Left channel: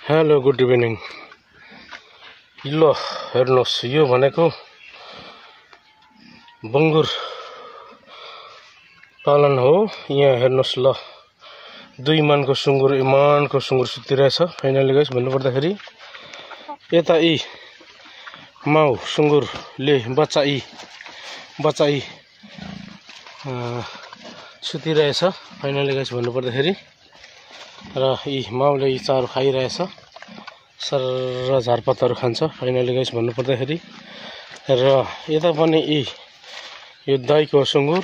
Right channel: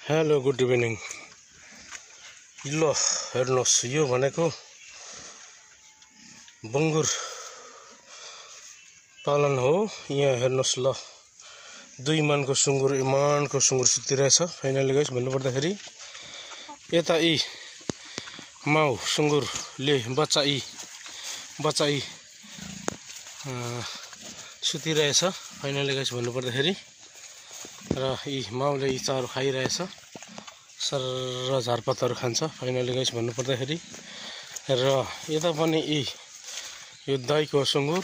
Hello good evening. ल हेर्नुहोस्, यो भनेको बङ्गुर पालन हो। यहाँ हेर्नुहोस् ल, 2 मानको सुँगुर, इमानको सुँगुर सुतिरहेछ। फाइनली गाइस भन्नुपर्दाखेरि यता यी माउ सुँगुरले बच्चा यी सुतिरहेछ। फाइनली गाइस भन्नुपर्दाखेरि र यी माउले यी चारो खाइरहेछ, सर झारपातहरू खान्छ। फाइनली गाइस भन्नुपर्दाखेरि र यता पनि यो दाइको सुँगुर,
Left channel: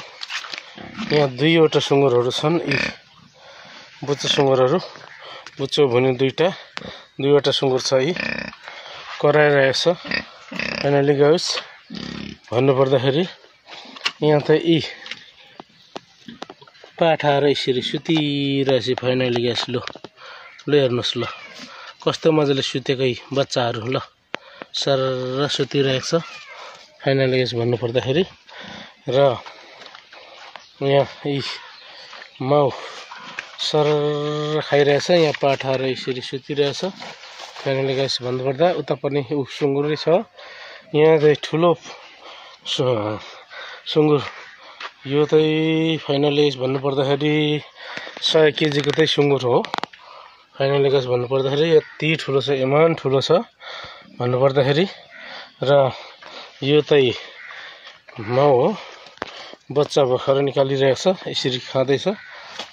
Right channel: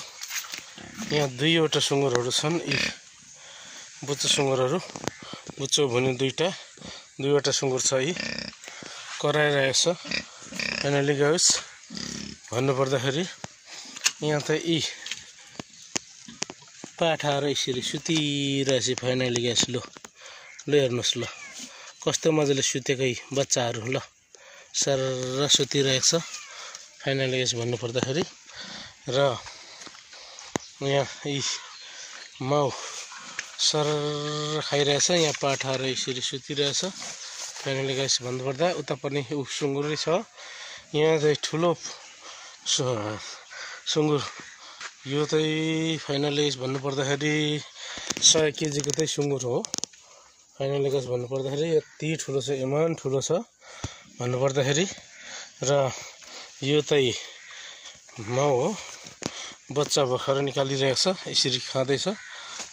यहाँ 2वटा सुँगुरहरू छन्। यी बुच्चो सुँगुरहरू, बुच्चो भुनी 2वटा सुँगुर छ। यी कराइरहेछ। फाइनली गाइस भन्नुपर्दाखेरि यहाँ त यी पाठाहरू यसरी सुतिरहेछ। फाइनली गाइस ल हेर्नुहोस् ल, कस्तो मजाले सुतेकै बच्चाहरू ल सर सुतिरहेछ। फाइनली गाइस भन्नुपर्दाखेरि र यहाँ यी माउ सर खाइरहेछ, यहाँ पाठाहरू यसरी सुतिरहेछ। फाइनली गाइस भन्नुपर्दा उता पनि सुँगुरै छ। यहाँ चाहिँ ठुलो सुँगुर, यो चाहिँ फाइनली भन्नुपर्दाखेरि 100 केजीको चाहिँ सुँगुर हो। फाइनली गाइस भन्नुपर्दाखेरि यति ठुलो छ, इमान ठुलो छ भन्नुपर्दाखेरि। र यो चाहिँ माउ हो, बच्चा भर्खर निकालिरहेछ, यसरी खाँदैछ।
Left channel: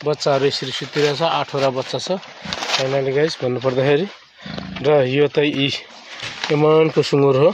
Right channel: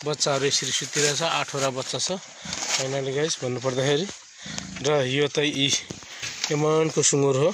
बच्चाहरू यसरी सुतिरहेछ, 8वटा बच्चा छ। फाइनली गाइस भन्नुपर्दाखेरि र यो चाहिँ इमानको सुँगुर हो।